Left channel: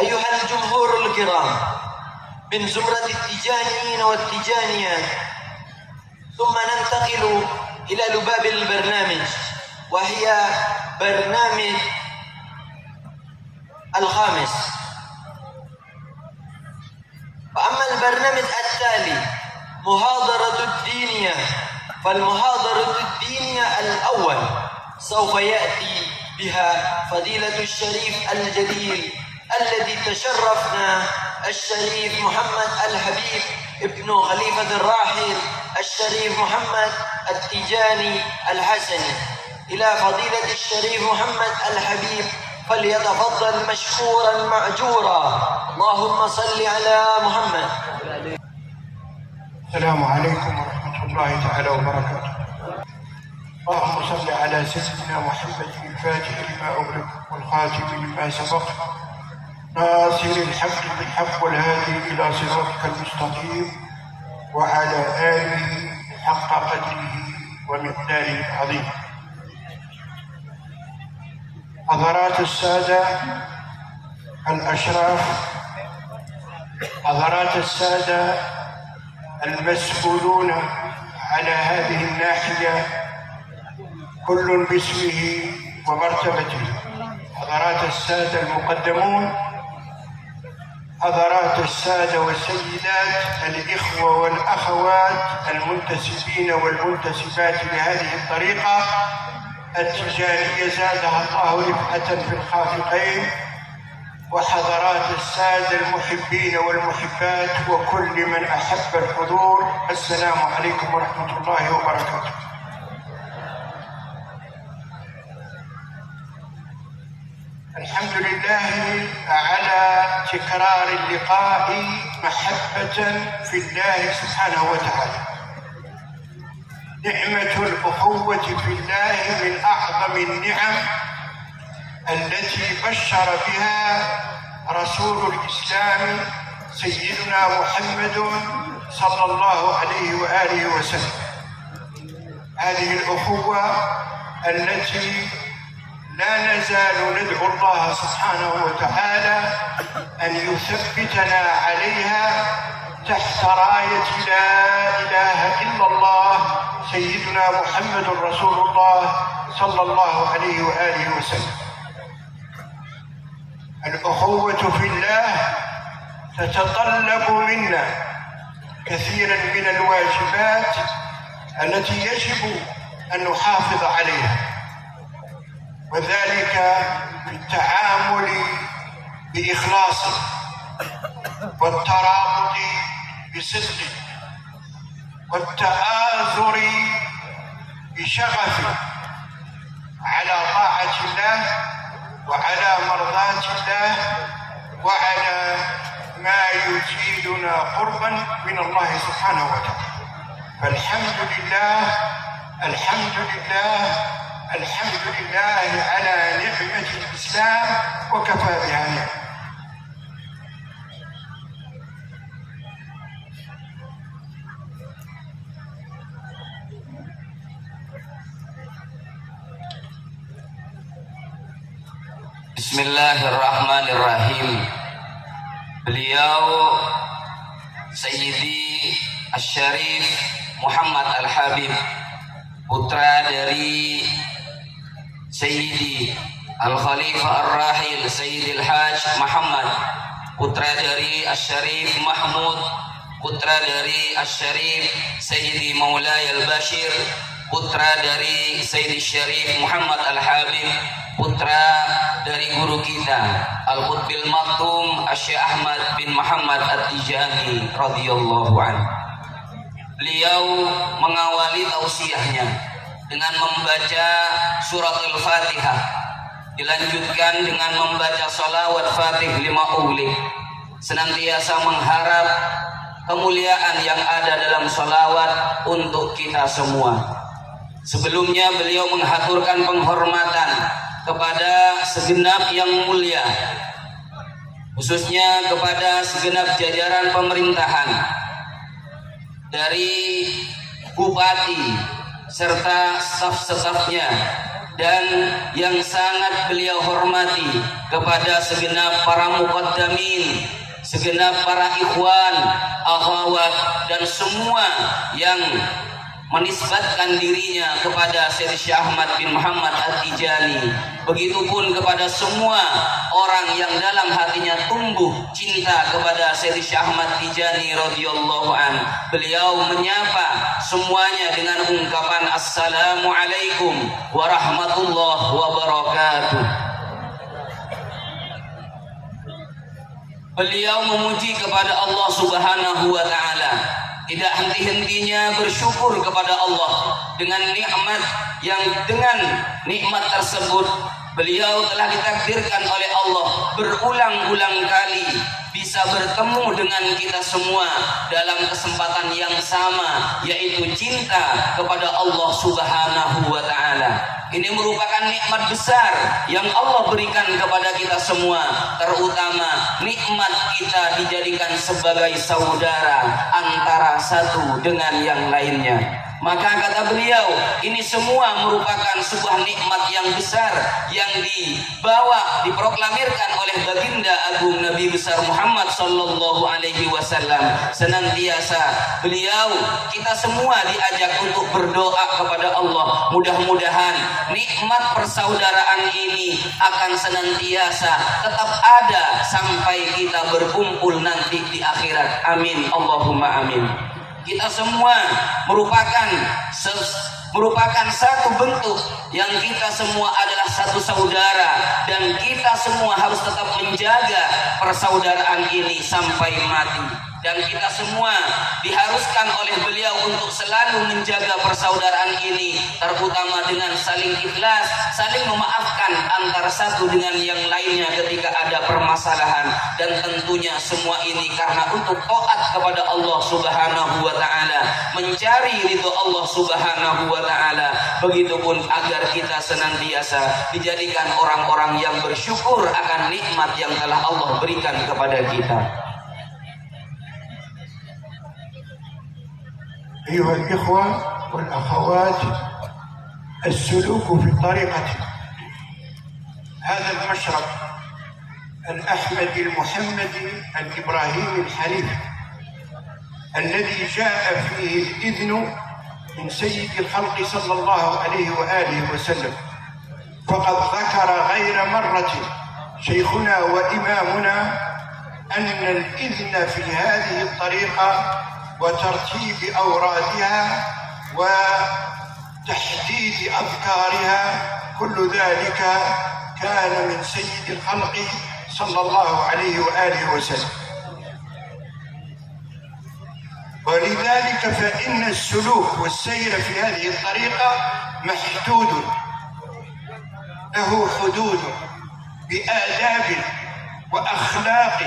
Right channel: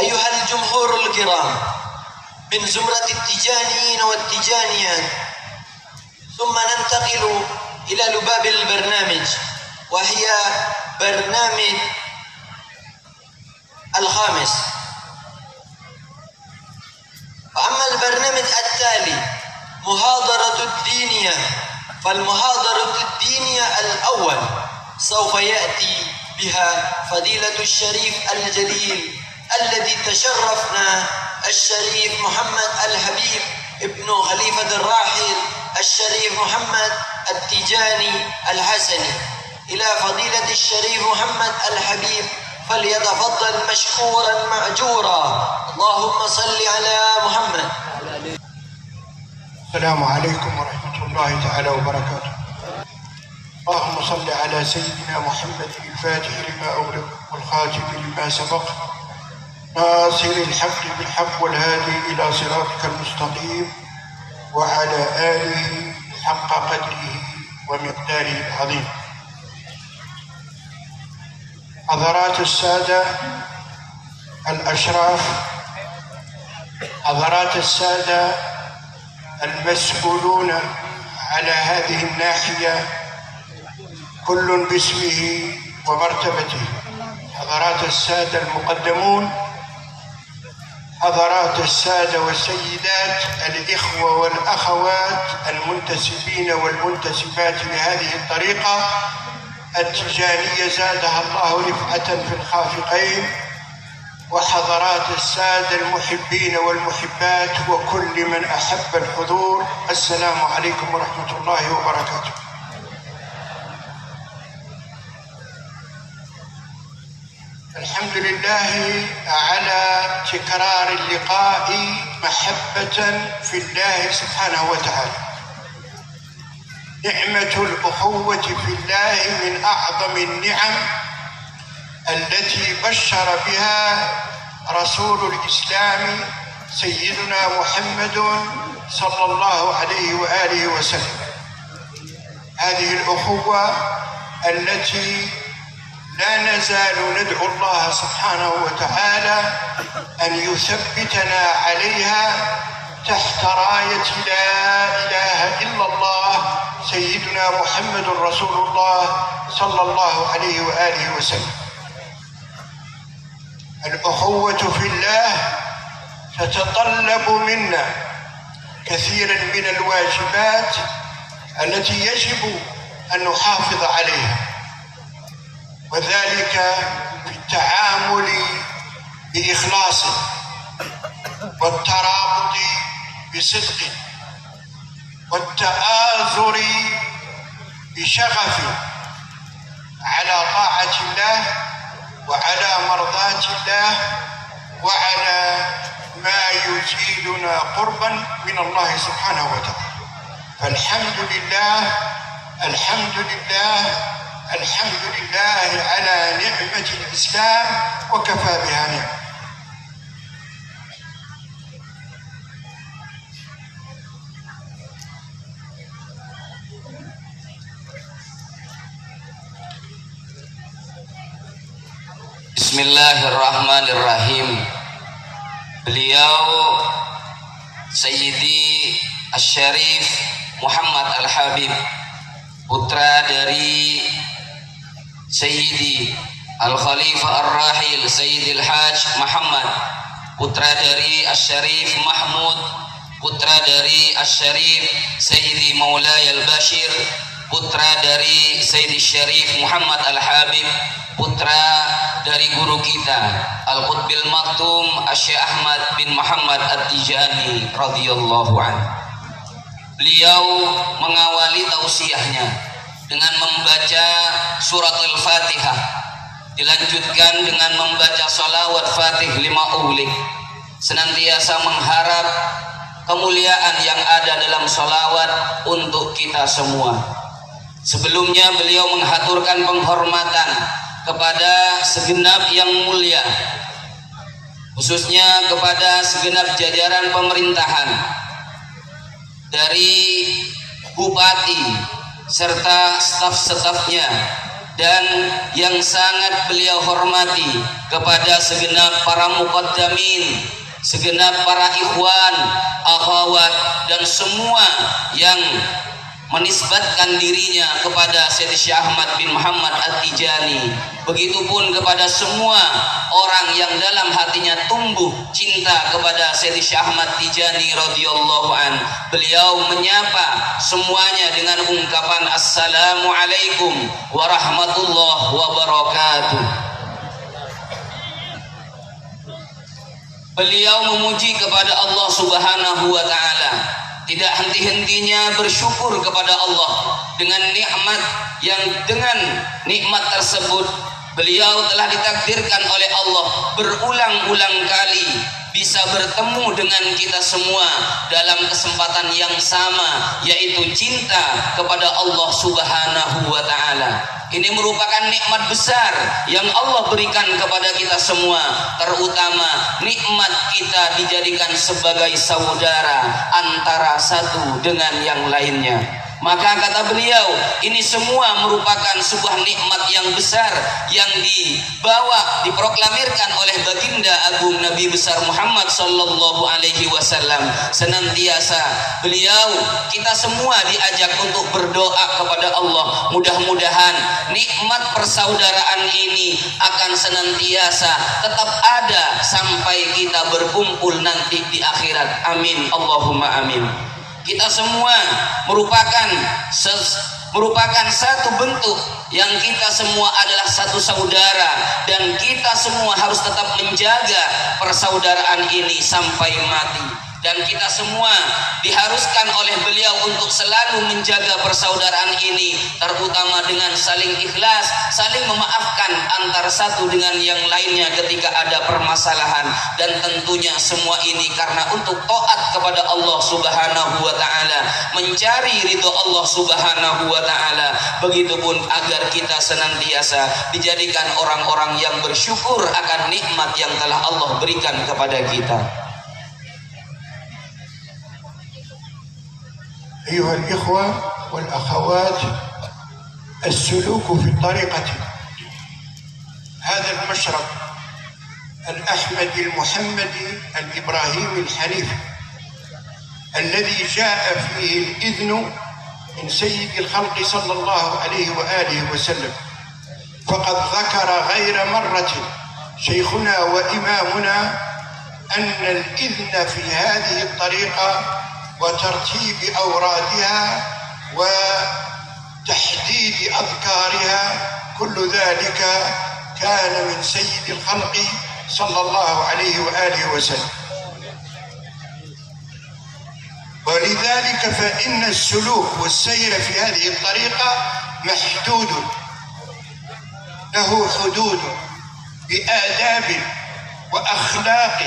أيها الجمهور الكرام من زمرة التجانيين والتجانيات، ثم ننتقل إلى لباب البرنامج، وهي برنامج الخامس. فأما البرنامج التالي محاضرة الدينية، فالمحاضرة الدينية الأول سوف يأتي بها فضيلة الشريف الجليل الذي تشرفنا الشريف محمد الحبيب ابن خليفة الراحل الشريف محمد التجاني الحسني إلى فضيلة الشريف محمد الحبيب، فليتفضل مشكورا مأجورا. اللهم صل على محمد. السلام عليكم ورحمة الله تعالى وبركاته. اللهم صل على سيدنا محمد الفاتح لما أغلق والخاتم لما سبق، ناصر الحق بالحق والهادي إلى صراطك المستقيم، وعلى آله حق قدره ومقداره العظيم. حضرات السادة الأشراف، حضرات السادة المسؤولون على هذه الناحية كل باسمه ومرتبته، حضرات السادة المقدمون، حضرات السادة والسيدات، الإخوة والأخوات المنتسبين والمنتسبات لهذه الطريقة التجانية زادها الله رفعة في الخافقين، وحضرات السادة المحبين والمحبات وكل من أحب الحضور، السلام عليكم ورحمة الله وبركاته. الحمد لله على تكرار اللقاء محبة في الله سبحانه وتعالى. نعمة الأخوة في الله من أعظم النعم التي بشر بها رسول الإسلام سيدنا محمد صلى الله عليه وآله وسلم. هذه الأخوة التي لا نزال ندعو الله سبحانه وتعالى أن يثبتنا عليها تحت راية لا إله إلا الله سيدنا محمد رسول الله صلى الله عليه وآله وسلم. الأخوة في الله تتطلب منا كثيرا من الواجبات التي يجب أن نحافظ عليها، وذلك بالتعامل بإخلاص والترابط بصدق والتآزر بشغف على طاعة الله وعلى مرضاة الله وعلى ما يزيدنا قربا من الله سبحانه وتعالى. فالحمد لله، الحمد لله، الحمد لله على نعمة الإسلام وكفى بها نعمة. Bismillahirrahmanirrahim. Beliau Sayyidi Asy-Syarif Muhammad Al-Habib, putra dari Sayyidi Al-Khalifah Ar-Rahil Sayyidil Hajj Muhammad, putra dari Asy-Syarif Mahmud, putra dari Asy-Syarif Sayyidi Maulaya Al-Bashir, putra dari Sayyidi Syarif Muhammad Al-Habib, putra dari guru kita Al-Qutbil Maktum Syekh Ahmad bin Muhammad At-Tijani radhiyallahu anhu. Beliau mengawali tausiahnya dengan membaca surat Al-Fatihah, dilanjutkan dengan membaca sholawat Fatih 5 ulik, senantiasa mengharap kemuliaan yang ada dalam sholawat untuk kita semua. Sebelumnya beliau menghaturkan penghormatan kepada segenap yang mulia, khususnya kepada segenap jajaran pemerintahan, dari bupati serta staf-stafnya dan yang sangat beliau hormati kepada segenap para muqaddamin, segenap para ikhwan, akhwat dan semua yang menisbatkan dirinya kepada Sayyid Syekh Ahmad bin Muhammad At-Tijani. Begitupun kepada semua orang yang dalam hatinya tumbuh cinta kepada Sayyid Syekh Ahmad Tijani radhiyallahu an. Beliau menyapa semuanya dengan ungkapan Assalamualaikum warahmatullahi wabarakatuh. Beliau memuji kepada Allah Subhanahu wa taala, tidak henti-hentinya bersyukur kepada Allah dengan nikmat yang dengan nikmat tersebut beliau telah ditakdirkan oleh Allah berulang-ulang kali bisa bertemu dengan kita semua dalam kesempatan yang sama, yaitu cinta kepada Allah Subhanahu wa taala. Ini merupakan nikmat besar yang Allah berikan kepada kita semua, terutama nikmat kita dijadikan sebagai saudara antara satu dengan yang lainnya. Maka kata beliau, ini semua merupakan sebuah nikmat yang besar yang dibawa, diproklamirkan oleh baginda agung Nabi besar Muhammad sallallahu alaihi wasallam. Senantiasa beliau, kita semua diajak untuk berdoa kepada Allah. Mudah-mudahan nikmat persaudaraan ini akan senantiasa tetap ada sampai kita berkumpul nanti di akhirat. Amin, Allahumma amin. Kita semua merupakan satu bentuk yang kita semua adalah satu saudara, dan kita semua harus tetap menjaga persaudaraan ini sampai mati. Dan kita semua diharuskan oleh beliau untuk selalu menjaga persaudaraan ini, terutama dengan saling ikhlas, saling memaafkan antara satu dengan yang lainnya ketika ada permasalahan. Dan tentunya semua ini karena untuk taat kepada Allah Subhanahu wa taala, mencari ridho Allah Subhanahu wa taala. Begitupun agar kita senantiasa dijadikan orang-orang yang bersyukur akan nikmat yang telah Allah berikan kepada kita. أيها الإخوة والأخوات، السلوك في الطريقة هذا المشرب الأحمدي المحمدي الإبراهيمي الحنيف الذي جاء فيه الإذن من سيد الخلق صلى الله عليه وآله وسلم، فقد ذكر غير مرة شيخنا وإمامنا أن الإذن في هذه الطريقة وترتيب أورادها وتحديد أذكارها كل ذلك كان من سيد الخلق صلى الله عليه وآله وسلم. ولذلك فإن السلوك والسير في هذه الطريقة محدود، له حدود بآداب وأخلاق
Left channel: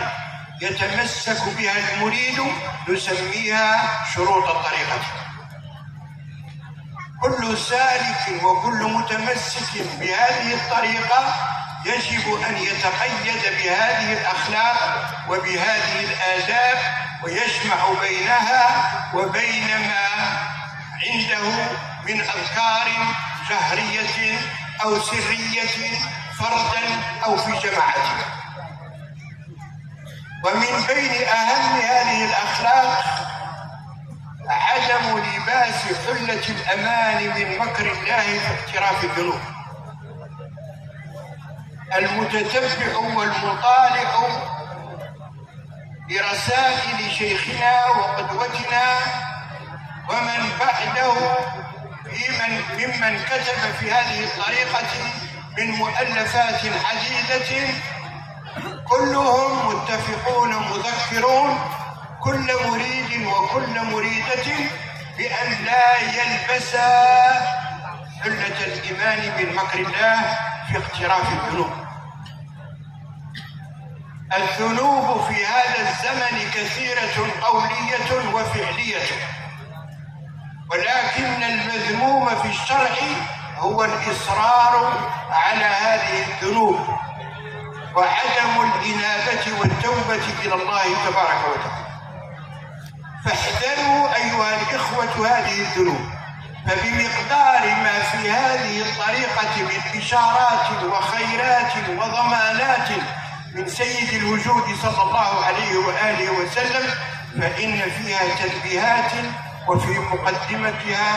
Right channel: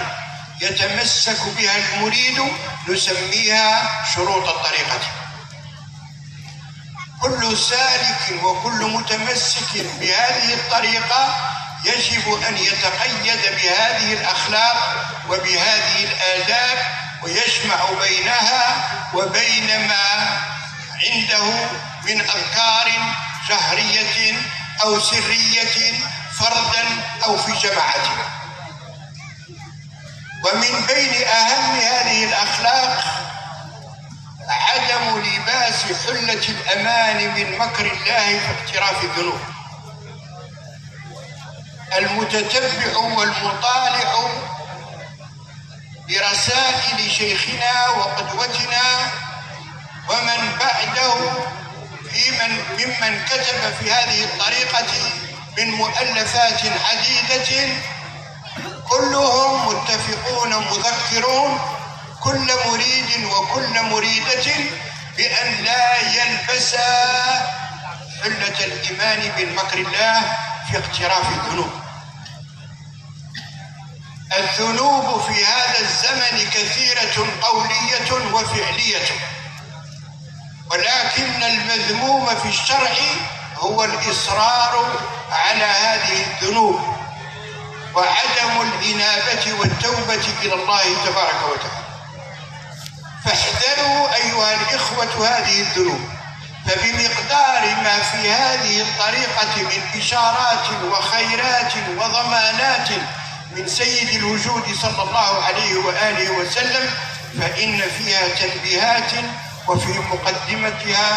يتمسك بها المريد، نسميها شروط الطريقة. كل سالك وكل متمسك بهذه الطريقة يجب أن يتقيد بهذه الأخلاق وبهذه الآداب، ويجمع بينها وبين ما عنده من أذكار جهرية أو سرية فردا أو في جماعة. ومن بين أهم هذه الأخلاق عدم لباس حلة الأمان من مكر الله في اقتراف الذنوب. المتتبع والمطالع برسائل شيخنا وقدوتنا ومن بعده ممن كتب في هذه الطريقة من مؤلفات عديدة، كلهم متفقون مذكرون كل مريد وكل مريدة بأن لا يلبسا حلة الإيمان من مكر الله في اقتراف الذنوب. الذنوب في هذا الزمن كثيرة قولية وفعلية، ولكن المذموم في الشرع هو الإصرار على هذه الذنوب وعدم الإنابة والتوبة إلى الله تبارك وتعالى. فاحذروا أيها الإخوة هذه الذنوب، فبمقدار ما في هذه الطريقة من إشارات وخيرات وضمانات من سيد الوجود صلى الله عليه وآله وسلم، فإن فيها تنبيهات، وفي مقدمتها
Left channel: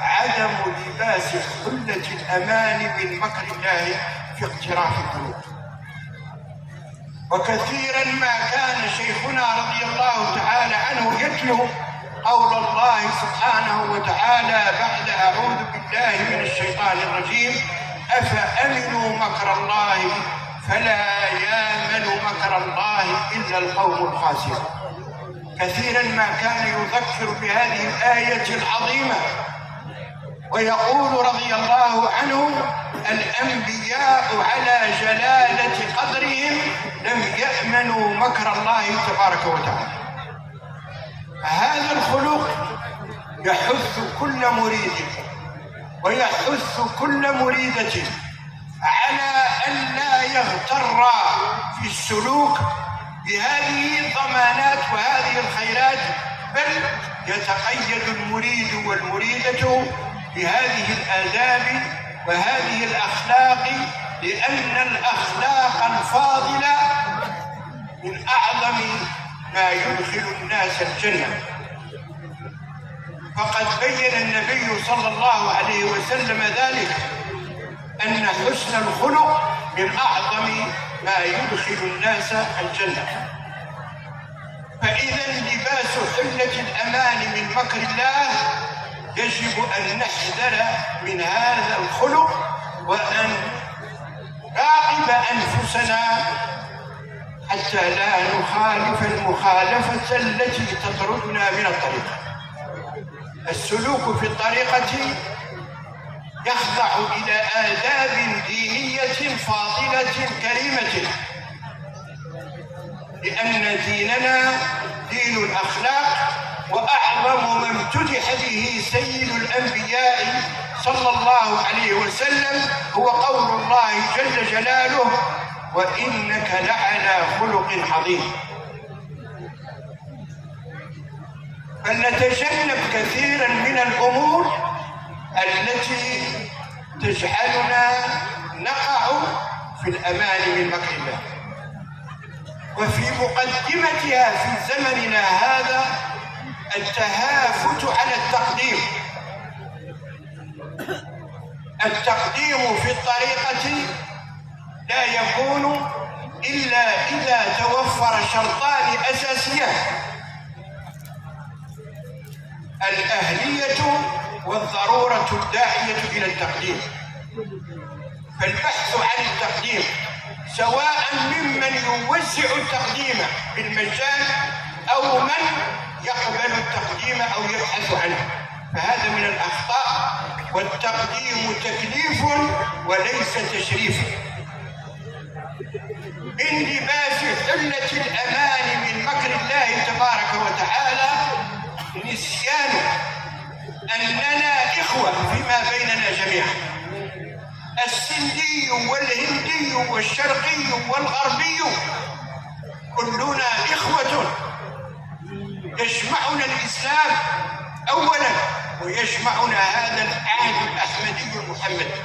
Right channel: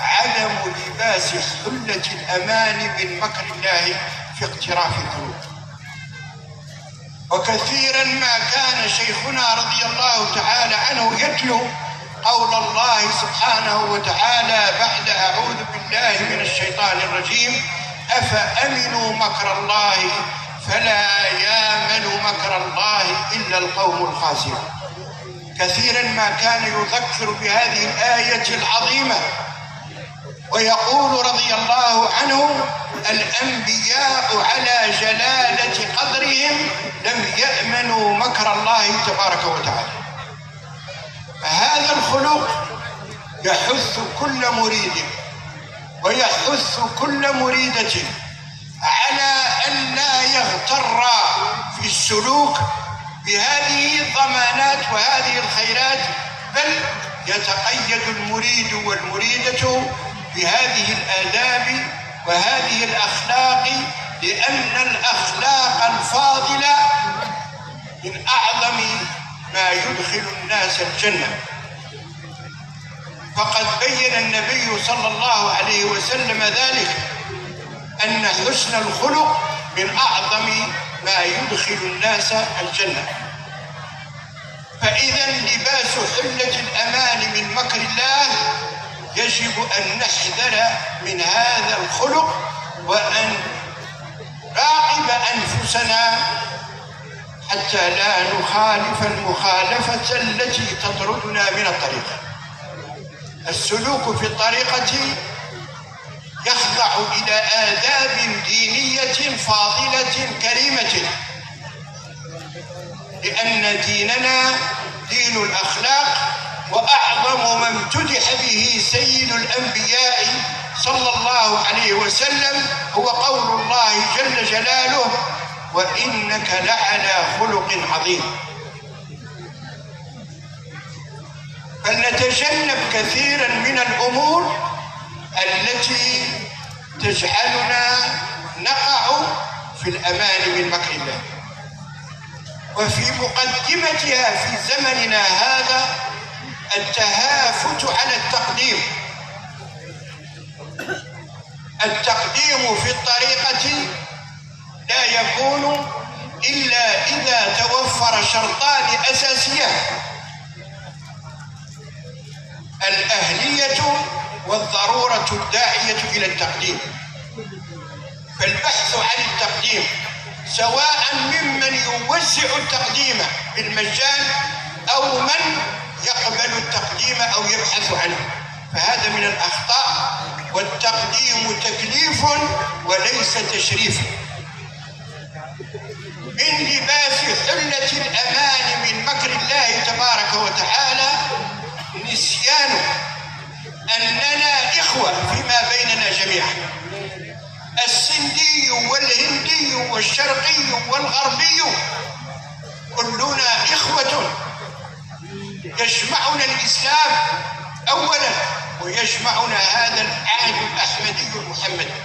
عدم لباس حلة الأمان من مكر الله في اقتراف الذنوب. وكثيرا ما كان شيخنا رضي الله تعالى عنه يتلو قول الله سبحانه وتعالى بعد أعوذ بالله من الشيطان الرجيم: أفأمنوا مكر الله فلا يامن مكر الله إلا القوم الخاسرون. كثيرا ما كان يذكر بهذه الآية العظيمة ويقول رضي الله عنه: الأنبياء على جلالة قدرهم لم يأمنوا مكر الله تبارك وتعالى. هذا الخلق يحث كل مريد ويحث كل مريدة على أن لا يغتر في السلوك بهذه الضمانات وهذه الخيرات، بل يتقيد المريد والمريدة بهذه الآداب وهذه الأخلاق، لأن الأخلاق الفاضلة من أعظم ما يدخل الناس الجنة. فقد بين النبي صلى الله عليه وسلم ذلك، أن حسن الخلق من أعظم ما يدخل الناس الجنة. فإذا لباس حلة الأمان من مكر الله يجب أن نحذر من هذا الخلق، وأن نراقب أنفسنا حتى لا نخالف المخالفة التي تطردنا من الطريقة. السلوك في الطريقة يخضع إلى آداب دينية فاضلة كريمة، لأن ديننا دين الأخلاق، وأعظم ما امتدح به سيد الأنبياء صلى الله عليه وسلم هو قول الله جل جلاله: وإنك لعلى خلق عظيم. فلنتجنب كثيرا من الأمور التي تجعلنا نقع في الأمان من مكر الله. وفي مقدمتها في زمننا هذا التهافت على التقديم. التقديم في الطريقة لا يكون إلا إذا توفر شرطان أساسيان: الأهلية والضرورة الداعية إلى التقديم. فالبحث عن التقديم، سواء ممن يوزع التقديم بالمجان أو من يقبل التقديم أو يبحث عنه، فهذا من الأخطاء. والتقديم تكليف وليس تشريف. من لباس حلة الأمان من مكر الله تبارك وتعالى نسيان أننا إخوة فيما بيننا جميعا. السندي والهندي والشرقي والغربي كلنا إخوة، يجمعنا الإسلام أولا، ويجمعنا هذا العهد الأحمدي المحمدي.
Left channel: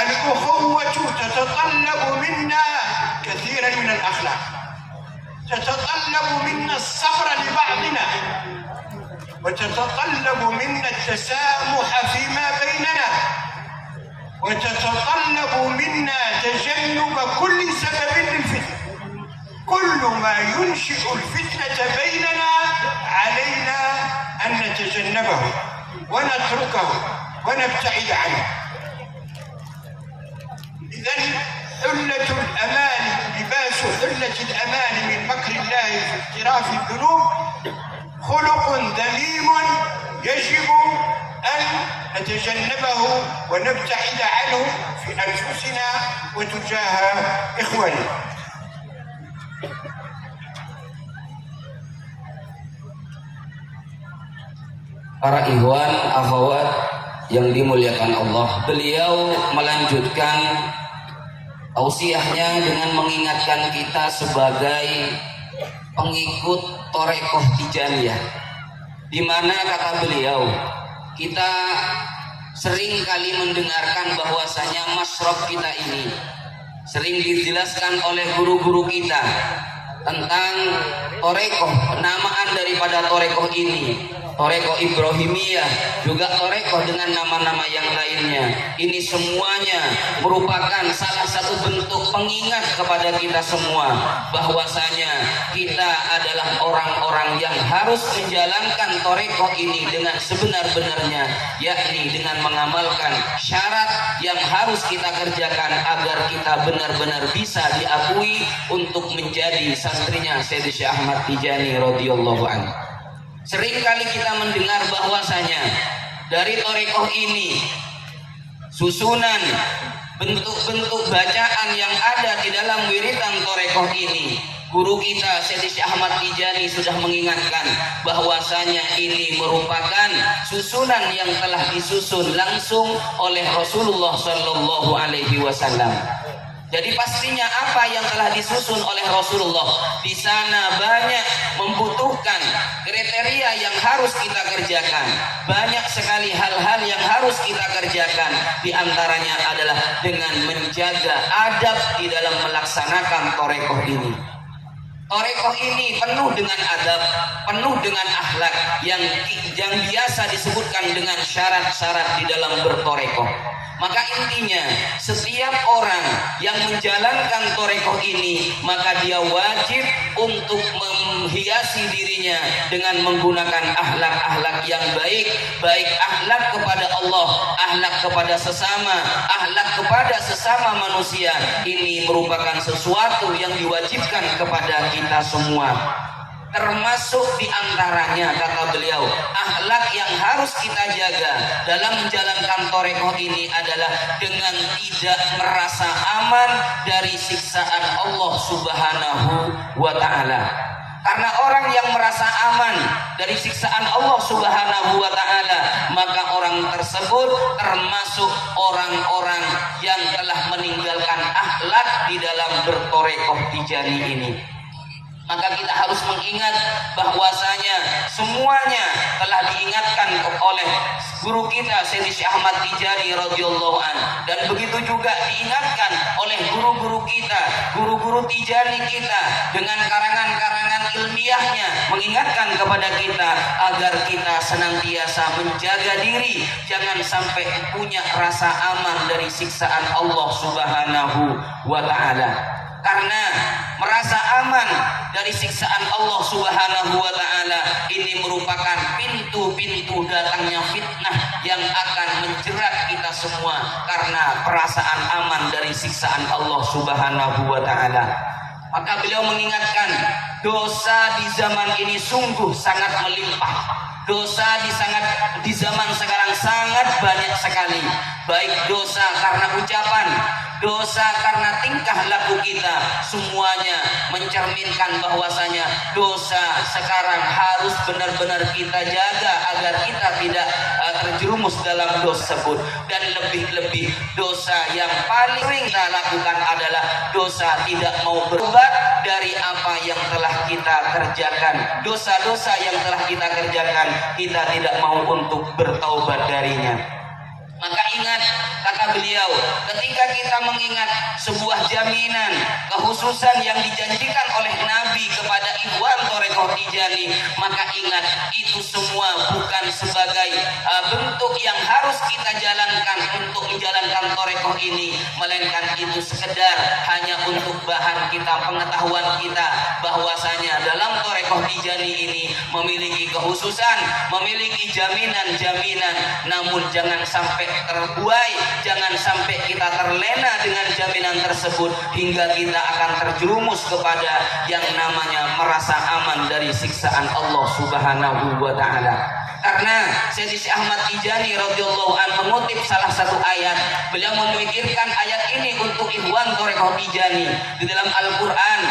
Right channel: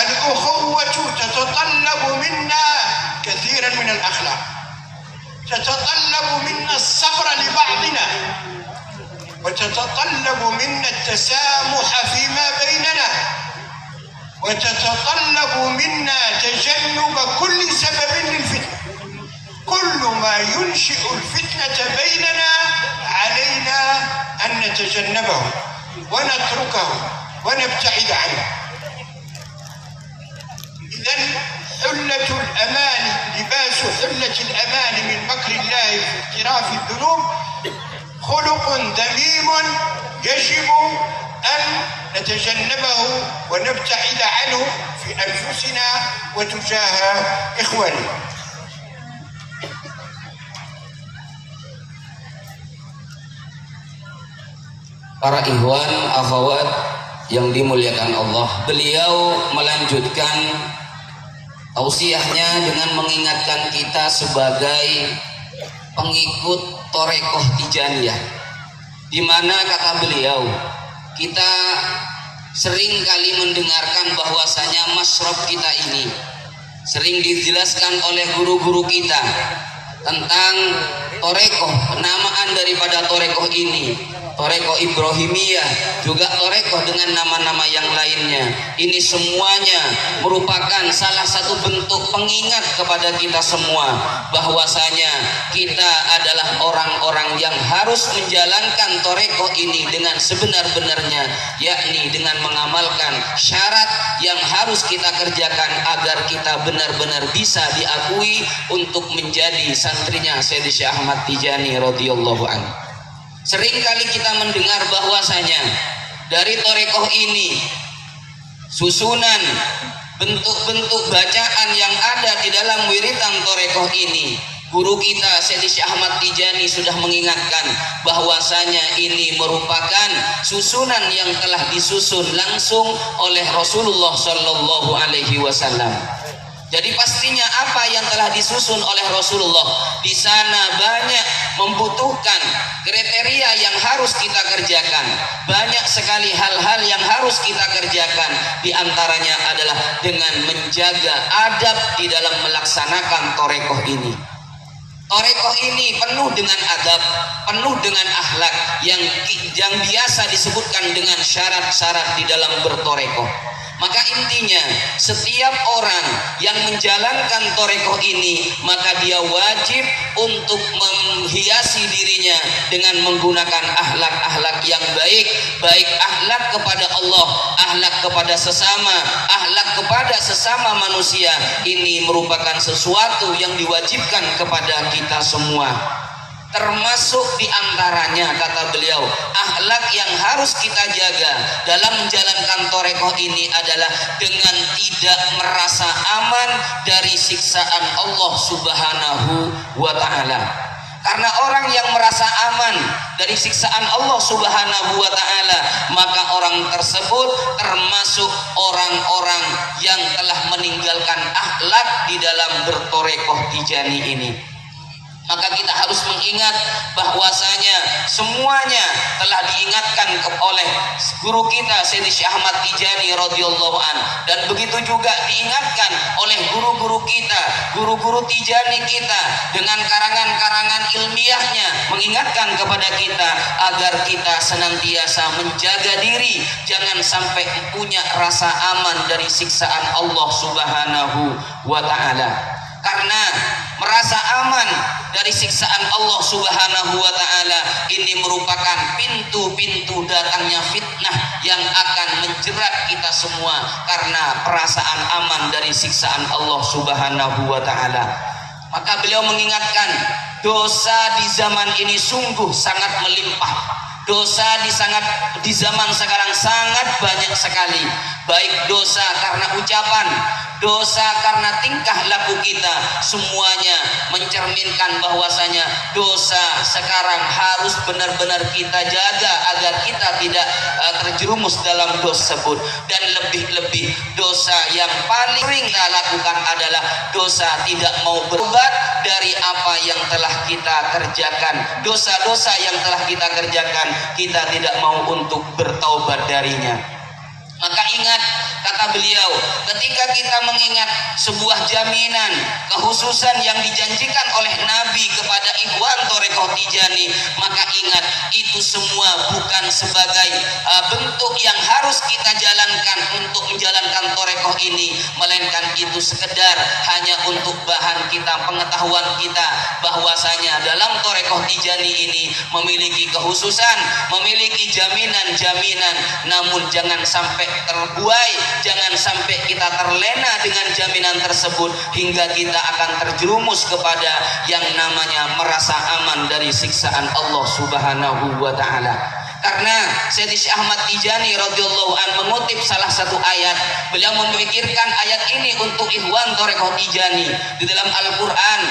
الأخوة تتطلب منا كثيرا من الأخلاق، تتطلب منا الصبر لبعضنا، وتتطلب منا التسامح فيما بيننا، وتتطلب منا تجنب كل سبب للفتنة. كل ما ينشئ الفتنة بيننا علينا أن نتجنبه ونتركه ونبتعد عنه. إذن حلة الأمان، لباس حلة الأمان من مكر الله في اقتراف الذنوب خلق ذميم يجب أن نتجنبه ونبتعد عنه في أنفسنا وتجاه إخواننا. Para ikhwan, akhwat yang dimuliakan Allah, beliau melanjutkan tausiahnya dengan mengingatkan kita sebagai pengikut Thorekoh Tijaniyah, di mana kata beliau, kita sering kali mendengarkan bahwasanya masyrab kita ini sering dijelaskan oleh guru-guru kita tentang torekoh, penamaan daripada torekoh ini, torekoh Ibrahimiyah, juga torekoh dengan nama-nama yang lainnya. Ini semuanya merupakan salah satu bentuk pengingat kepada kita semua bahwasanya kita adalah orang-orang yang harus menjalankan torekoh ini dengan sebenar-benarnya, yakni dengan mengamalkan syarat yang harus kita kerjakan agar kita benar-benar bisa diakui untuk menjadi santrinya Sayyidi Syekh Ahmad Tijani radhiyallahu anhu. Sering kali kita mendengar bahwasanya dari torekoh ini susunan bentuk-bentuk bacaan yang ada di dalam wiridan torekoh ini, guru kita Sayyidi Syekh Ahmad Tijani sudah mengingatkan bahwasanya ini merupakan susunan yang telah disusun langsung oleh Rasulullah Shallallahu Alaihi Wasallam. Jadi pastinya apa yang telah disusun oleh Rasulullah di sana banyak membutuhkan kriteria yang harus kita kerjakan. Banyak sekali hal-hal yang harus kita kerjakan. Di antaranya adalah dengan menjaga adab di dalam melaksanakan torekoh ini. Torekoh ini penuh dengan adab, penuh dengan akhlak yang biasa disebutkan dengan syarat-syarat di dalam bertorekoh. Maka intinya setiap orang yang menjalankan torekoh ini maka dia wajib untuk menghiasi dirinya dengan menggunakan akhlak-akhlak yang baik, baik akhlak kepada Allah, akhlak kepada sesama manusia. Ini merupakan sesuatu yang diwajibkan kepada kita semua. Termasuk diantaranya kata beliau, akhlak yang harus kita jaga dalam menjalankan torekoh ini adalah dengan tidak merasa aman dari siksaan Allah Subhanahu wa Ta'ala. Karena orang yang merasa aman dari siksaan Allah Subhanahu wa Ta'ala, maka orang tersebut termasuk orang-orang yang telah meninggalkan akhlak di dalam bertorekoh Tijani ini. Maka kita harus mengingat bahwasanya semuanya telah diingatkan oleh guru kita Sayyidi Syekh Ahmad Tijani radhiyallahu an, dan begitu juga diingatkan oleh guru-guru kita, guru-guru Tijani kita dengan karangan-karangan ilmiahnya, mengingatkan kepada kita agar kita senantiasa menjaga diri, jangan sampai punya rasa aman dari siksaan Allah Subhanahu wa Ta'ala. Karena merasa aman dari siksaan Allah Subhanahu wa Ta'ala ini merupakan pintu-pintu datangnya fitnah yang akan menjerat kita semua karena perasaan aman dari siksaan Allah Subhanahu wa Ta'ala. Maka beliau mengingatkan, dosa di zaman ini sungguh sangat melimpah. Dosa di zaman sekarang sangat banyak sekali, baik dosa karena ucapan, dosa karena tingkah laku kita, semuanya mencerminkan bahwasanya dosa sekarang harus benar-benar kita jaga agar kita tidak terjerumus dalam dosa tersebut. Dan lebih-lebih dosa yang paling sering kita lakukan adalah dosa tidak mau bertobat dari apa yang telah kita kerjakan. Dosa-dosa yang telah kita kerjakan, kita tidak mau untuk bertaubat darinya. Maka ingat kata beliau, ketika kita mengingat sebuah jaminan kekhususan yang dijanjikan oleh Nabi kepada ikhwan torekoh Tijani, maka ingat itu semua bukan sebagai bentuk yang harus kita jalankan untuk menjalankan torekoh ini, melainkan itu sekedar hanya untuk bahan kita, pengetahuan kita bahwasanya dalam torekoh Tijani ini memiliki kekhususan, memiliki jaminan-jaminan, namun jangan sampai terbuai, jangan sampai kita terlena dengan jaminan tersebut hingga kita akan terjerumus kepada yang namanya merasa aman dari siksaan Allah Subhanahu wa Ta'ala. Karena Sayyidi Syekh Ahmad Tijani radhiyallahu an mengutip salah satu ayat, beliau memikirkan ayat ini untuk ikhwan torekoh Tijani. Di dalam Al-Quran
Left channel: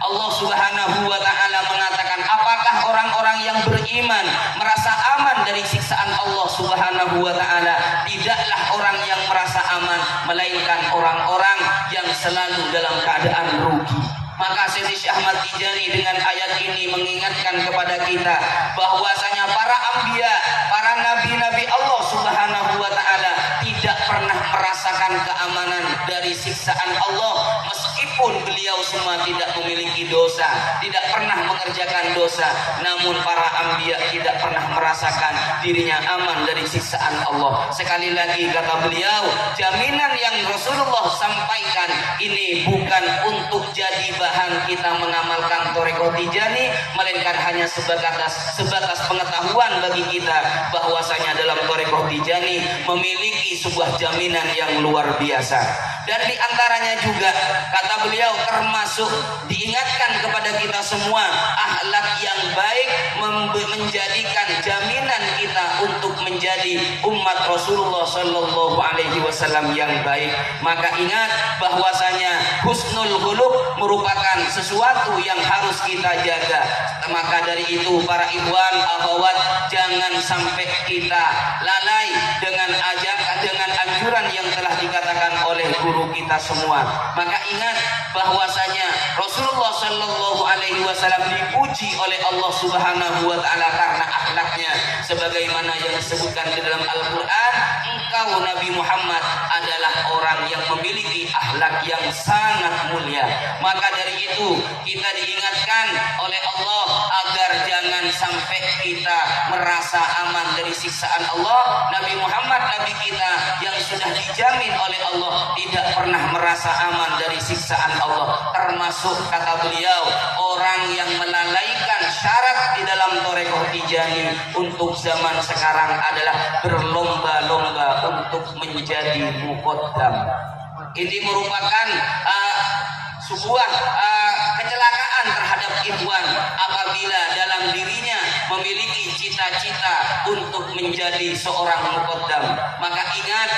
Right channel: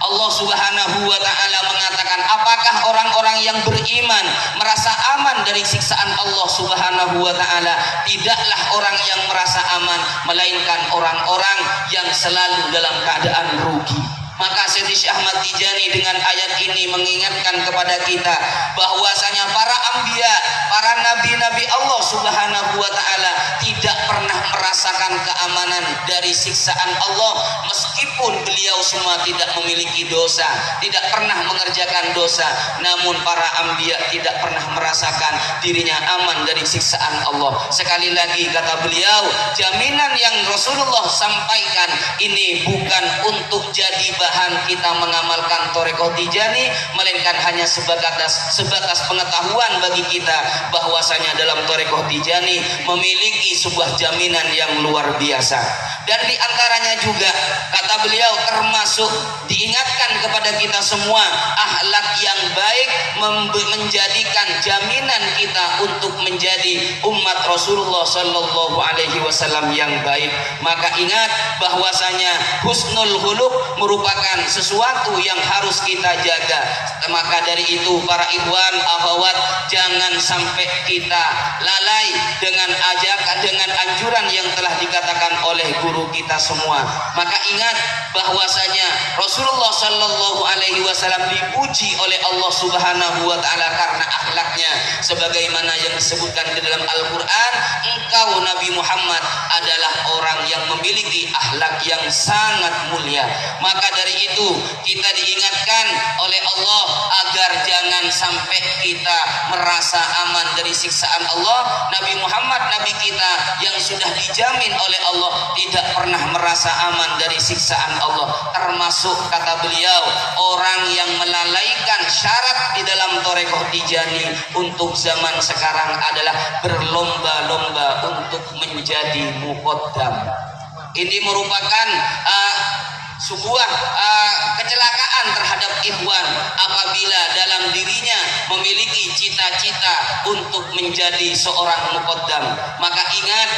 Allah Subhanahu wa Ta'ala mengatakan, apakah orang-orang yang beriman merasa aman dari siksaan Allah Subhanahu wa Ta'ala? Tidaklah orang yang merasa aman, melainkan orang-orang yang selalu dalam keadaan rugi. Maka Sayyidi Syekh Ahmad Tijani dengan ayat ini mengingatkan kepada kita bahwasanya para anbiya, para nabi-nabi Allah Subhanahu wa taala tidak pernah merasakan keamanan dari siksaan Allah, meskipun beliau semua tidak memiliki dosa, tidak pernah mengerjakan dosa, namun para anbiya tidak pernah merasakan dirinya aman dari siksaan Allah. Sekali lagi kata beliau, jaminan yang Rasulullah sampaikan ini bukan untuk jadi bahan kita mengamalkan Thariqah Tijani, melainkan hanya sebatas pengetahuan bagi kita bahwasanya dalam Thariqah Tijani memiliki sebuah jaminan yang luar biasa. Dan diantaranya juga kata beliau termasuk diingatkan kepada kita semua akhlak yang baik menjadikan jaminan kita untuk menjadi umat Rasulullah Sallallahu Alaihi Wasallam yang baik. Maka ingat bahwasanya husnul khuluq merupakan sesuatu yang harus kita jaga. Maka dari itu para ikhwan akhwat, jangan sampai kita lalai dengan ajakan, dengan anjuran yang telah dikatakan oleh guru kita semua. Maka ingat bahwasanya Rasulullah Sallallahu Alaihi Wasallam dipuji oleh Allah Subhanahu Wa Taala karena akhlaknya, sebagaimana yang disebutkan di dalam Al-Quran, engkau Nabi Muhammad adalah orang yang memiliki akhlak yang sangat mulia. Maka dari itu kita diingatkan oleh Allah agar jangan sampai kita merasa aman dari siksaan Allah. Nabi Muhammad, Nabi kita yang sudah dijamin oleh Allah, tidak pernah merasa aman dari siksaan Allah. Termasuk kata beliau, orang yang melalaikan syarat di dalam Thariqah Tijani untuk zaman sekarang adalah berlomba-lomba untuk menjadi muqaddam. Ini merupakan sebuah kecelakaan terhadap ikhwan apabila dalam dirinya memiliki cita-cita untuk menjadi seorang muqaddam. Maka ingat,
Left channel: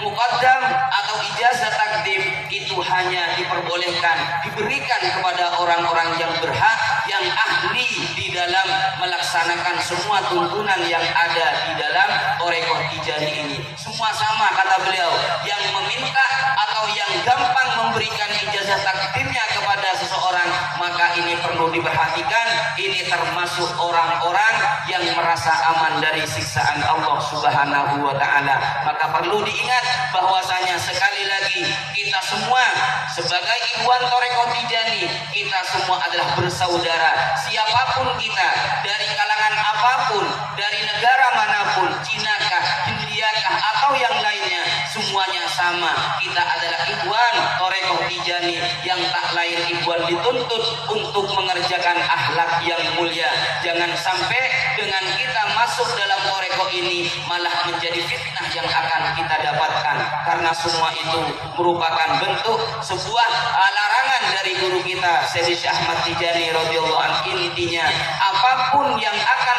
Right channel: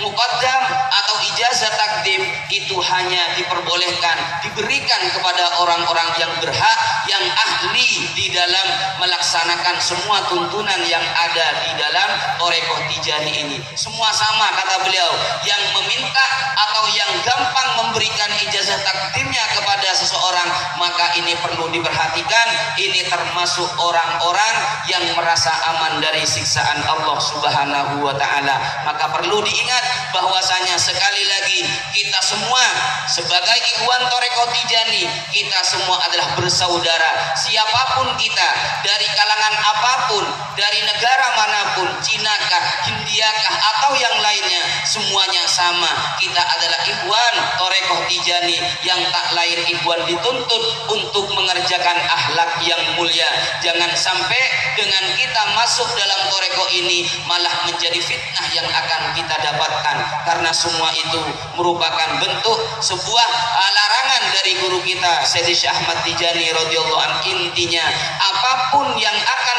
muqaddam atau ijazah takdim itu hanya diperbolehkan, diberikan kepada orang-orang yang berhak, yang ahli di dalam melaksanakan semua tuntunan yang ada di dalam Thariqah Tijani ini. Semua sama kata beliau, yang meminta atau yang gampang memberikan ijazah takdimnya kepada seseorang, maka ini perlu diperhatikan. Ini termasuk orang-orang yang merasa aman dari siksaan Allah Subhanahu wa taala. Maka perlu diingat bahwasanya sekali lagi kita semua sebagai ikhwan Thariqah Tijani, kita semua adalah bersaudara. Siapapun kita, dari kalangan apapun, dari negara manapun, Cinakah, Hindiakah atau yang lainnya, semuanya sama. Kita adalah ikhwan Thariqah Tijani yang tak lain ikhwan dituntut untuk mengerjakan akhlak yang mulia. Jangan sampai dengan kita masuk dalam Thariqah ini malah menjadi fitnah yang akan kita dapatkan, karena semua itu merupakan bentuk sebuah larangan dari guru kita Sayyidi Syekh Ahmad Tijani radhiyallahu anhu. Intinya apapun yang akan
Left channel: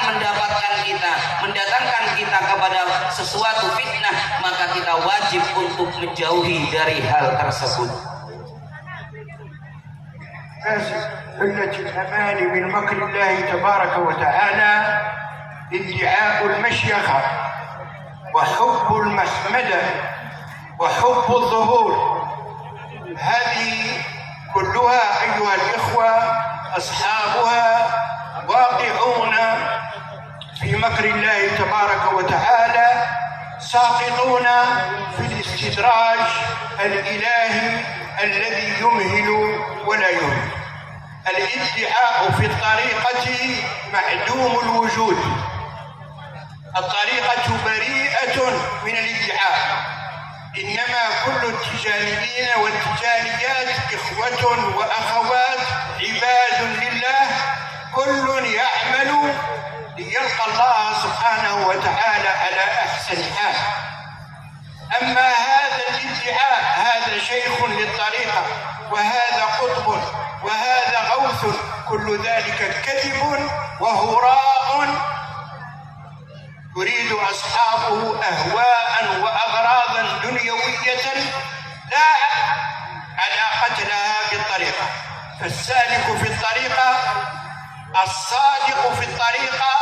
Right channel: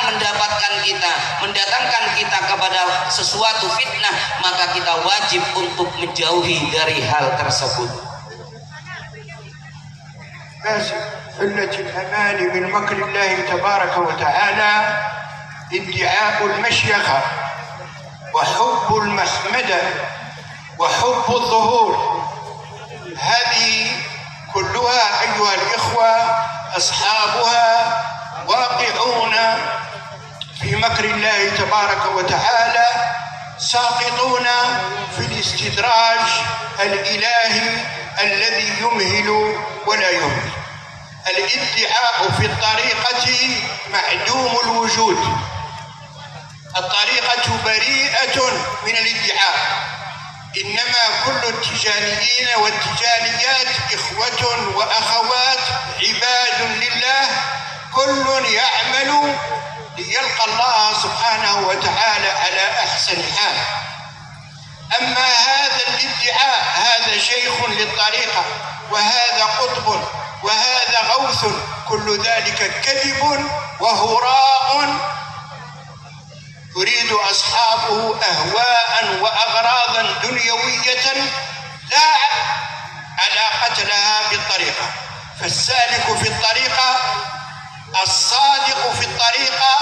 mendatangkan kita kepada sesuatu fitnah, maka kita wajib untuk menjauhi dari hal tersebut. قلة الأمان من مكر الله تبارك وتعالى ادعاء المشيخة وحب المحمدة وحب الظهور. هذه كلها أيها الإخوة أصحابها واقعون في مكر الله تبارك وتعالى، ساقطون في الاستدراج الإلهي الذي يمهل ولا يهمل. الادعاء في الطريقة معدوم الوجود. الطريقة بريئة من الادعاء، إنما كل التجانيين والتجانيات إخوة وأخوات عباد لله، كل يعمل ليلقى الله سبحانه وتعالى على أحسن حال. أما هذا الادعاء، هذا شيخ للطريقة وهذا قطب وهذا غوث، كل ذلك كذب وهراء يريد أصحابه أهواء وأغراضا دنيوية لا علاقة لها بالطريقة. فالسالك في الطريقة، الصادق في الطريقة،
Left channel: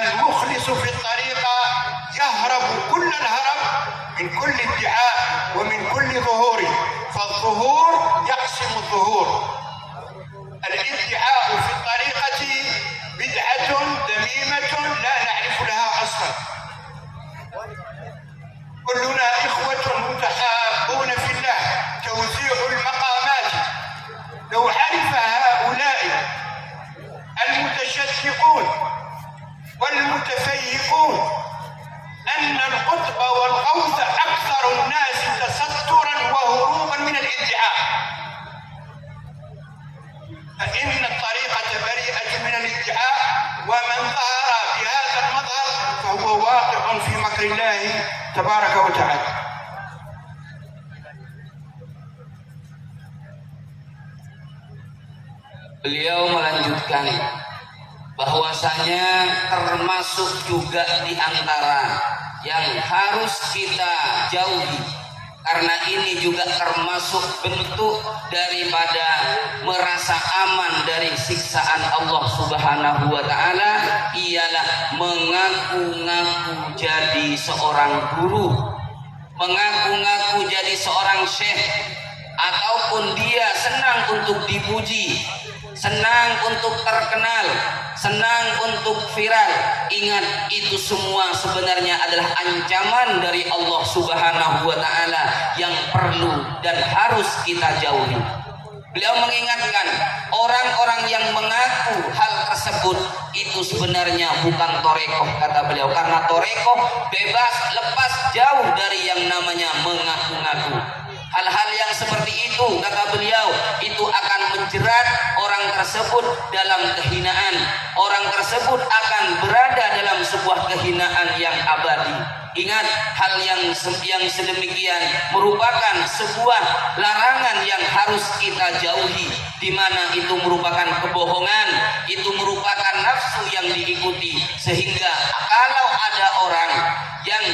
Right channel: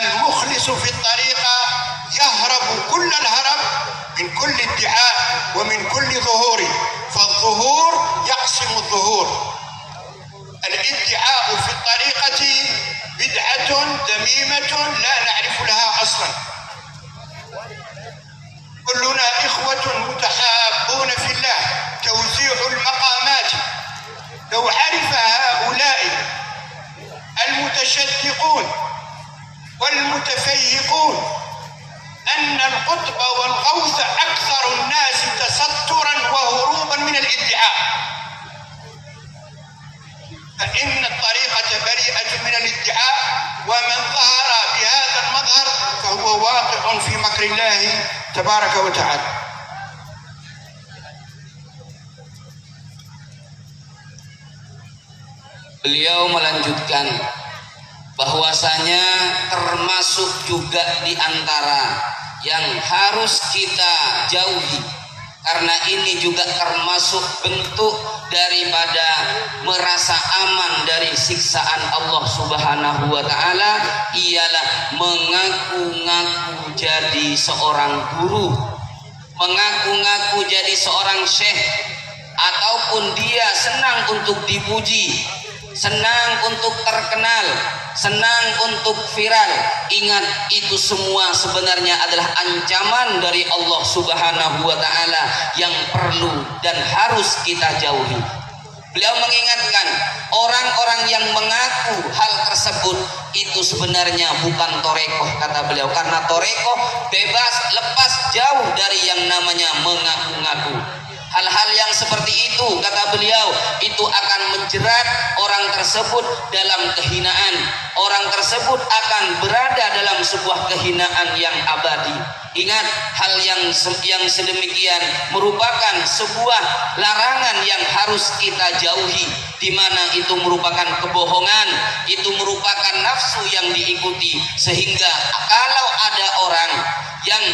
المخلص في الطريقة يهرب كل الهرب من كل ادعاء ومن كل ظهور، فالظهور يقسم الظهور. الادعاء في الطريقة بدعة ذميمة لا نعرف لها أصلا. كلنا إخوة متحابون في الله. توزيع المقامات، لو عرف هؤلاء المتشدقون والمتفيهقون أن القطب والغوث أكثر الناس تسترا وهروبا من الادعاء، فإن الطريقة بريئة من الادعاء، ومن ظهر بهذا المظهر فهو واقع في مكر الله تبارك وتعالى. Beliau melanjutkan bahwasanya termasuk juga di antara yang harus kita jauhi, karena ini juga termasuk bentuk daripada merasa aman dari siksaan Allah Subhanahu wa taala, ialah mengaku-ngaku jadi seorang guru, mengaku-ngaku jadi seorang syekh, ataupun dia senang untuk dipuji, senang untuk terkenal, senang untuk viral. Ingat, itu semua sebenarnya adalah ancaman dari Allah Subhanahu wa taala yang perlu dan harus kita jauhi. Beliau mengingatkan orang-orang yang mengaku hal tersebut itu sebenarnya bukan torekoh, kata beliau, karena torekoh bebas, lepas, jauh dari yang namanya mengaku-ngaku. Hal-hal yang seperti itu, kata beliau, itu akan menjerat orang tersebut dalam kehinaan. Orang tersebut akan berada dalam sebuah kehinaan yang abadi. Ingat, hal yang sedemikian merupakan sebuah larangan yang harus kita jauhi, di mana itu merupakan kebohongan, itu merupakan nafsu yang diikuti, sehingga kalau ada orang yang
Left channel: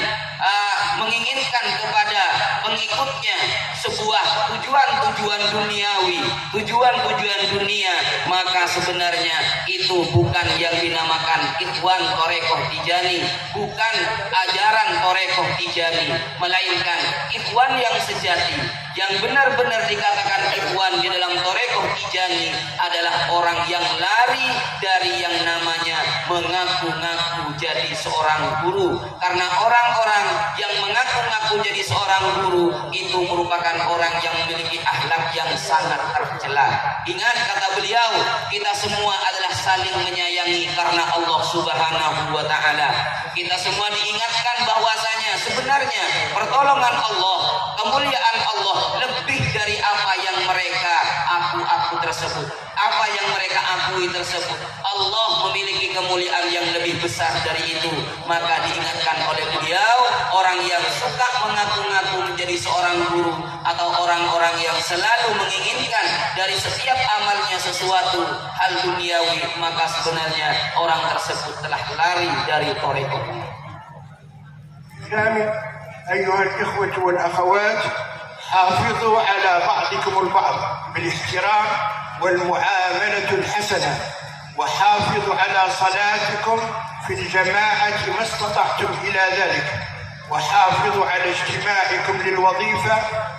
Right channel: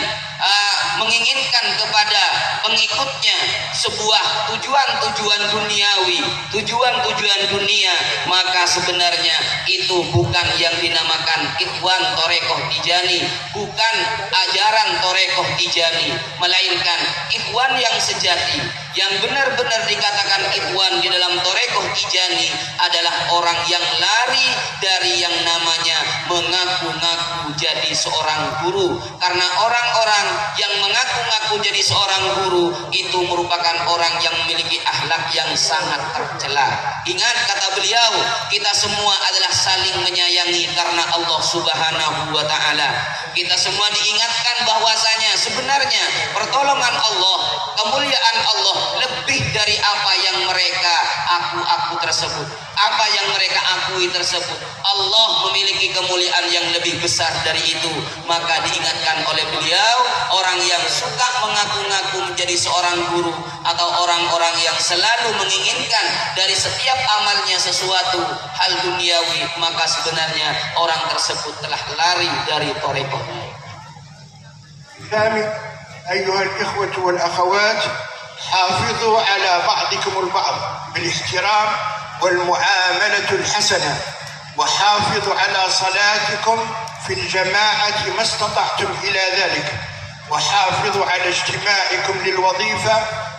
menginginkan kepada pengikutnya sebuah tujuan-tujuan duniawi, tujuan-tujuan dunia, maka sebenarnya itu bukan yang dinamakan ikhwan torekoh tijani, bukan ajaran torekoh tijani, melainkan ikhwan yang sejati, yang benar-benar dikatakan ikhwan di dalam torekoh tijani adalah orang yang lari dari yang namanya mengaku-ngaku jadi seorang guru. Karena orang-orang yang mengaku-ngaku jadi seorang guru itu merupakan orang yang memiliki akhlak yang sangat tercela. Ingat, kata beliau, kita semua adalah saling menyayangi karena Allah Subhanahu wa taala. Kita semua diingatkan bahwasanya sebenarnya pertolongan Allah, kemuliaan Allah lebih dari apa yang mereka aku tersebut, apa yang mereka akui tersebut. Allah memiliki kemuliaan yang lebih besar dari itu. Maka diingatkan oleh beliau, orang yang suka mengaku-ngaku menjadi seorang guru, atau orang-orang yang selalu menginginkan dari setiap amalnya sesuatu hal duniawi, maka sebenarnya orang tersebut telah lari dari torekoh. أيها الإخوة والأخوات، حافظوا على بعضكم البعض بالاحترام والمعاملة الحسنة، وحافظوا على صلاتكم في الجماعة ما استطعتم إلى ذلك، وحافظوا على اجتماعكم للوظيفة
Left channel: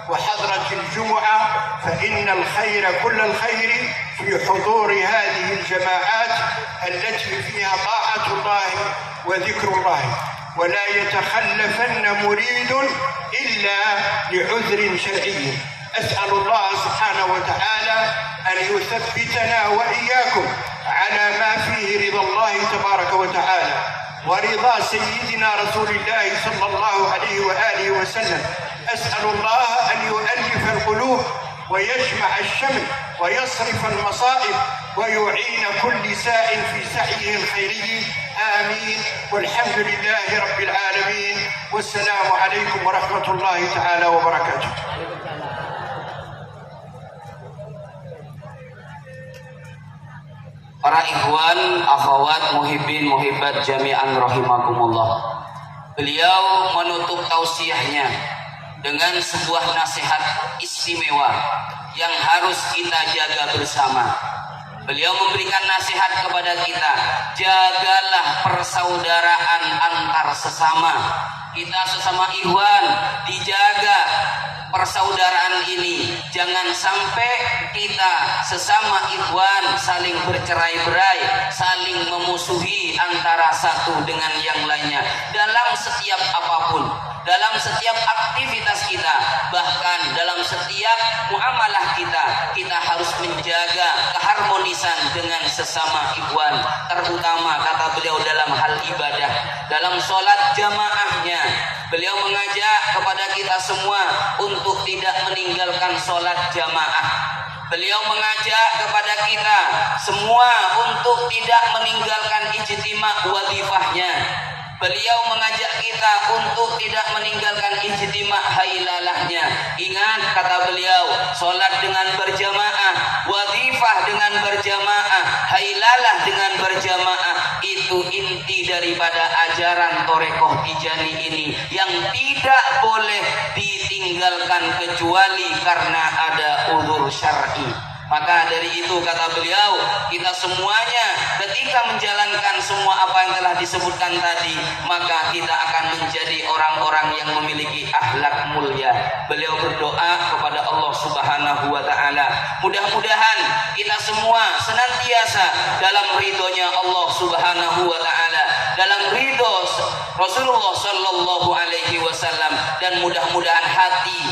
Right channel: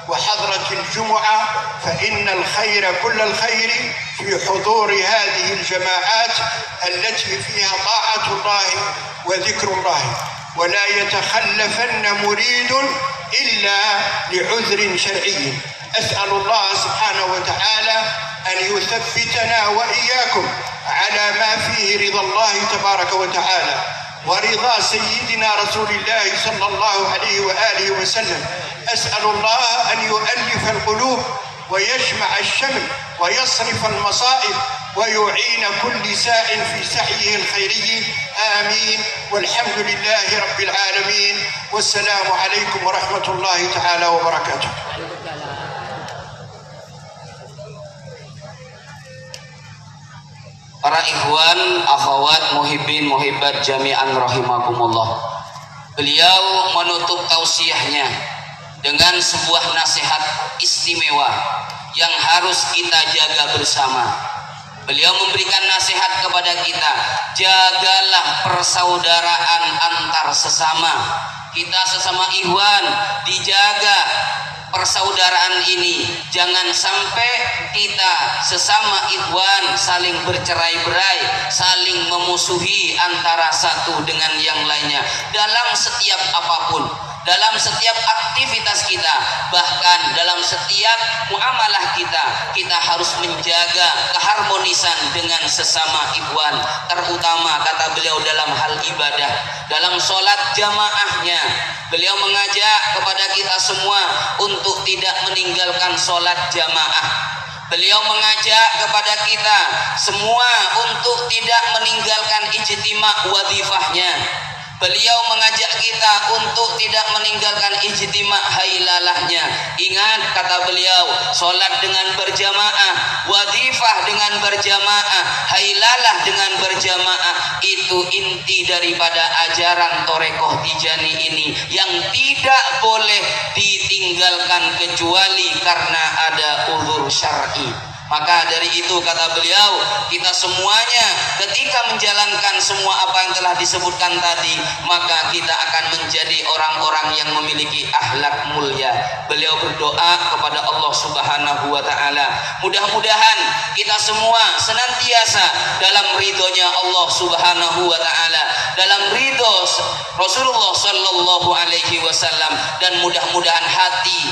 وحضرة الجمعة، فإن الخير كل الخير في حضور هذه الجماعات التي فيها طاعة الله وذكر الله. ولا يتخلفن مريد إلا لعذر شرعي. أسأل الله سبحانه وتعالى أن يثبتنا وإياكم على ما فيه رضا الله تبارك وتعالى ورضا سيدنا رسول الله صلى الله عليه وآله وسلم. أسأل الله أن يؤلف القلوب ويجمع الشمل ويصرف المصائب ويعين كل ساء في سعيه الخيري. آمين. والحمد لله رب العالمين. والسلام عليكم ورحمة الله تعالى وبركاته. Para ikhwan, akhwat, muhibbin, muhibbat jami'an rahimakumullah. Beliau menutup tausiahnya dengan sebuah nasihat istimewa yang harus kita jaga bersama. Beliau memberikan nasihat kepada kita, jagalah persaudaraan antar sesama. Kita sesama ikhwan dijaga persaudaraan ini. Jangan sampai kita sesama ikhwan saling bercerai-berai, saling memusuhi antara satu dengan yang lainnya dalam setiap apapun, dalam setiap aktivitas kita, bahkan dalam setiap muamalah kita harus menjaga keharmonisan dengan sesama ikhwan, terutama kata beliau dalam hal ibadah, dalam sholat jamaahnya. Beliau mengajak kepada kita semua untuk tidak meninggalkan sholat jamaah. Beliau mengajak kepada kita semua untuk tidak meninggalkan ijtima' wadifahnya. Beliau mengajak kita untuk tidak meninggalkan ijtima' hailalahnya. Ingat kata beliau, sholat dengan berjamaah, wadifah dengan berjamaah, hailalah dengan berjamaah, itu inti daripada ajaran Torekoh Tijani ini yang tidak boleh ditinggalkan kecuali karena ada uzur syar'i. Maka dari itu kata beliau, kita semuanya ketika menjalankan semua apa yang telah disebutkan tadi, maka kita akan menjadi orang-orang yang memiliki akhlak mulia. Beliau berdoa kepada Allah Subhanahu wa taala, mudah-mudahan kita semua senantiasa dalam ridhonya Allah Subhanahu wa taala, dalam ridho Rasulullah sallallahu alaihi wasallam, dan mudah-mudahan hati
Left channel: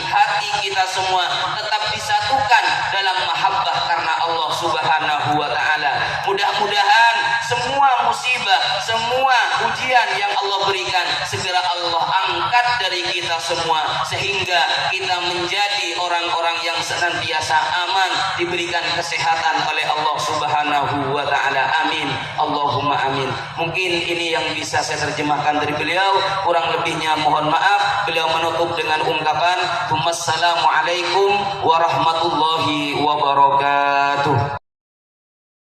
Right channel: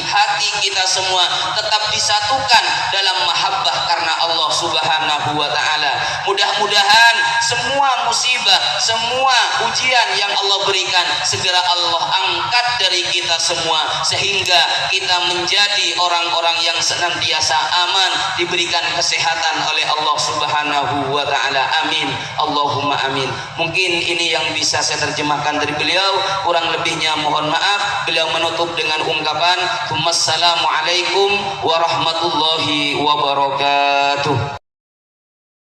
kita semua tetap disatukan dalam mahabbah karena Allah Subhanahu wa taala. Mudah-mudahan semua musibah, semua ujian yang Allah berikan segera Allah angkat dari kita semua, sehingga kita menjadi orang-orang yang senantiasa aman, diberikan kesehatan oleh Allah Subhanahu wa taala. Amin. Allahumma amin. Mungkin ini yang bisa saya terjemahkan dari beliau, kurang lebihnya mohon maaf. Beliau menutup dengan ungkapan, "Assalamualaikum warahmatullahi wabarakatuh."